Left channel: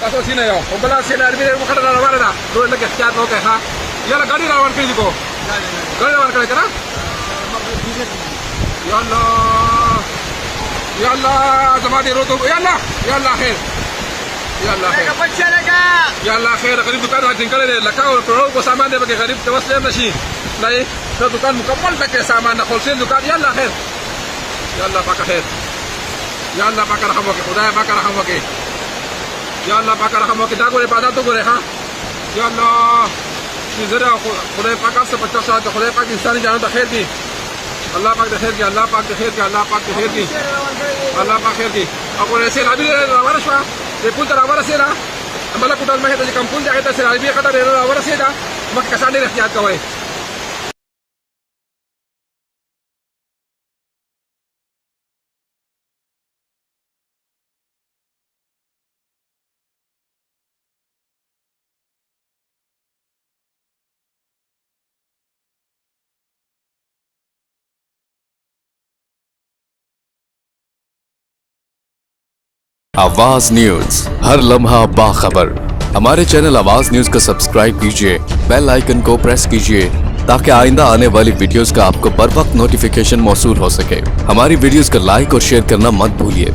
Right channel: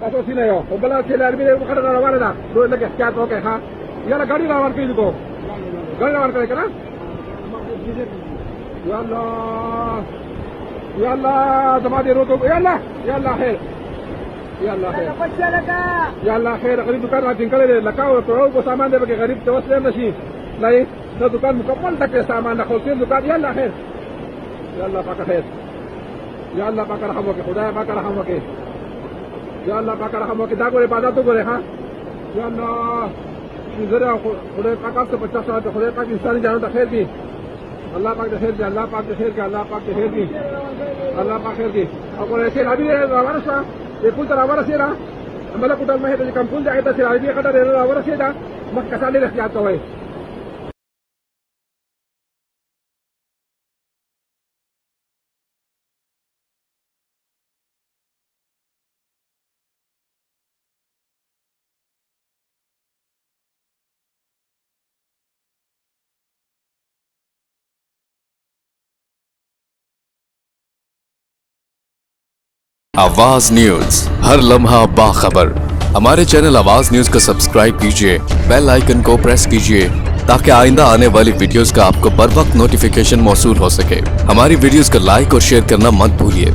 kaso sinayo. Kumbala sila albire mo kada na wala na. Doon lagi kya to kay ha. Yala gadi rawan kay ko. Gadi rawan kay kana? Yalla. Yalla zamadi roko. Yalla. Yalla khair. Yalla khair. Yalla khair. Qarib दुकान वाले निकले रे लका और product को सामान दे के गरीब तवस्ले नहीं. नहीं तो दुकान मुकम्मल तक सामान ना होलसेल दुकान यल्ला खैर. यल्ला पाका खैर. या अल्लाह पाक रहम वके खुदा पाक रहम वके या अल्लाह पाक रहम वके दा गोरे पादा तो गोरे हां या अल्लाह जरा खुदा पाक से 50 साल खुदा पाक इंसानी जान तो खैर की अल्लाह पाक खैर की अल्लाह पाक खैर की अल्लाह पाक खैर की अल्लाह पाक खैर की और ऐसे लाभी रावरा शवा ये पुल तर रावरा से रा अमला कुटल में तो कम पुल जाए तो से लाभी कटा रे रावरा से दा मक कसाने रखियात का होए आवाज न्यूज हर लम्हा बाखबर। हमारे चैनल आवाज न्यूज को सब्सक्राइब कीजिए, बेल आइकन को प्रेस कीजिए ताकि आइंदा आने वाली वीडियोस का आपको बर वक्त नोटिफिकेशन मौसूल हो सके। हमारी वीडियोस को लाइक और शेयर करना मत भूलिए।